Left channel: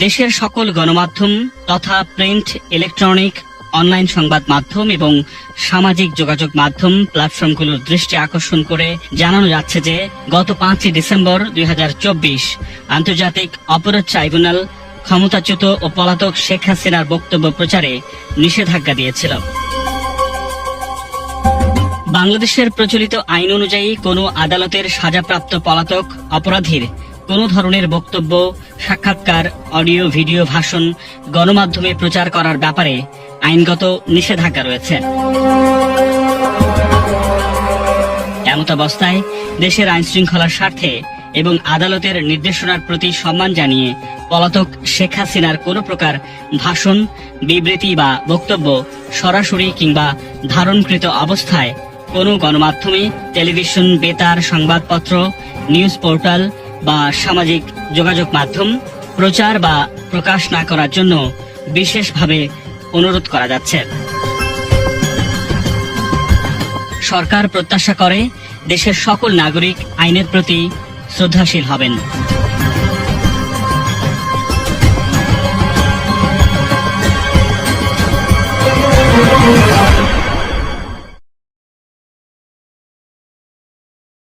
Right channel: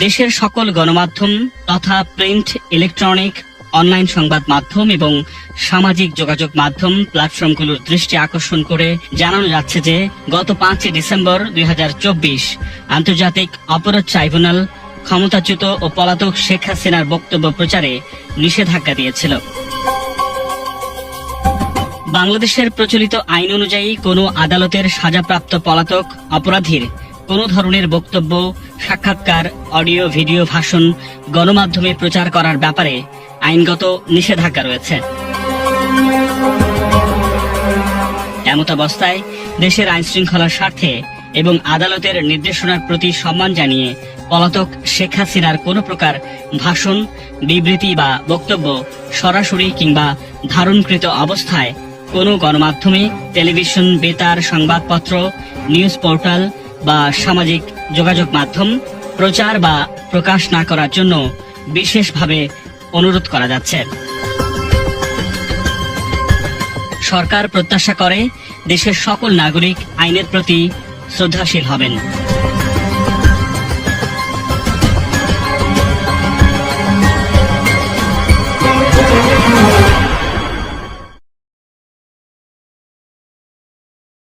দেশের সকল গণমাধ্যম তথা প্রিন্ট, ইলেকট্রনিক, অনলাইন সংবাদ মাধ্যম এবং সামাজিক যোগাযোগ মাধ্যম প্ল্যাটফর্মগুলোর দৃষ্টি আকর্ষণ করে জানানো যাচ্ছে যে গত 5 ডিসেম্বর 2024 আন্তর্জাতিক অপরাধ ট্রাইব্যুনাল ক্ষমতাচ্যুত ও পলাতক শেখ হাসিনার বক্তব্য প্রচারে নিষেধাজ্ঞা দিয়েছিল। বাংলাদেশের প্রচলিত আইন অনুযায়ী কোনো আদালতের সাজাপ্রাপ্ত পলাতক অপরাধীর কোনো ধরনের বক্তব্য, সাক্ষাৎকার, অডিও, ভিডিও, ভাষণ গণমাধ্যমে প্রচার করার ব্যাপারে আইনগত নিষেধাজ্ঞা রয়েছে। এমতাবস্থায় দেশের আইন শৃঙ্খলার স্বার্থে এবং আদালতের নির্দেশনার প্রতি সম্মান জানিয়ে পলাতক শেখ হাসিনার কোনো প্রকার ভাষণ, বিবৃতি বা বক্তব্য সরাসরি কিংবা ধারণকৃত অবস্থায় কোনো গণমাধ্যমে, টেলিভিশন, বেতার, সংবাদপত্র, নিউজ পোর্টাল বা সামাজিক যোগাযোগ মাধ্যম প্রচার বা প্রকাশ না করার জন্য বিশেষভাবে অনুরোধ করা যাচ্ছে। সরকার প্রত্যাশা করে দেশের সকল নাগরিক আইনের প্রতি শ্রদ্ধাশীল হবেন।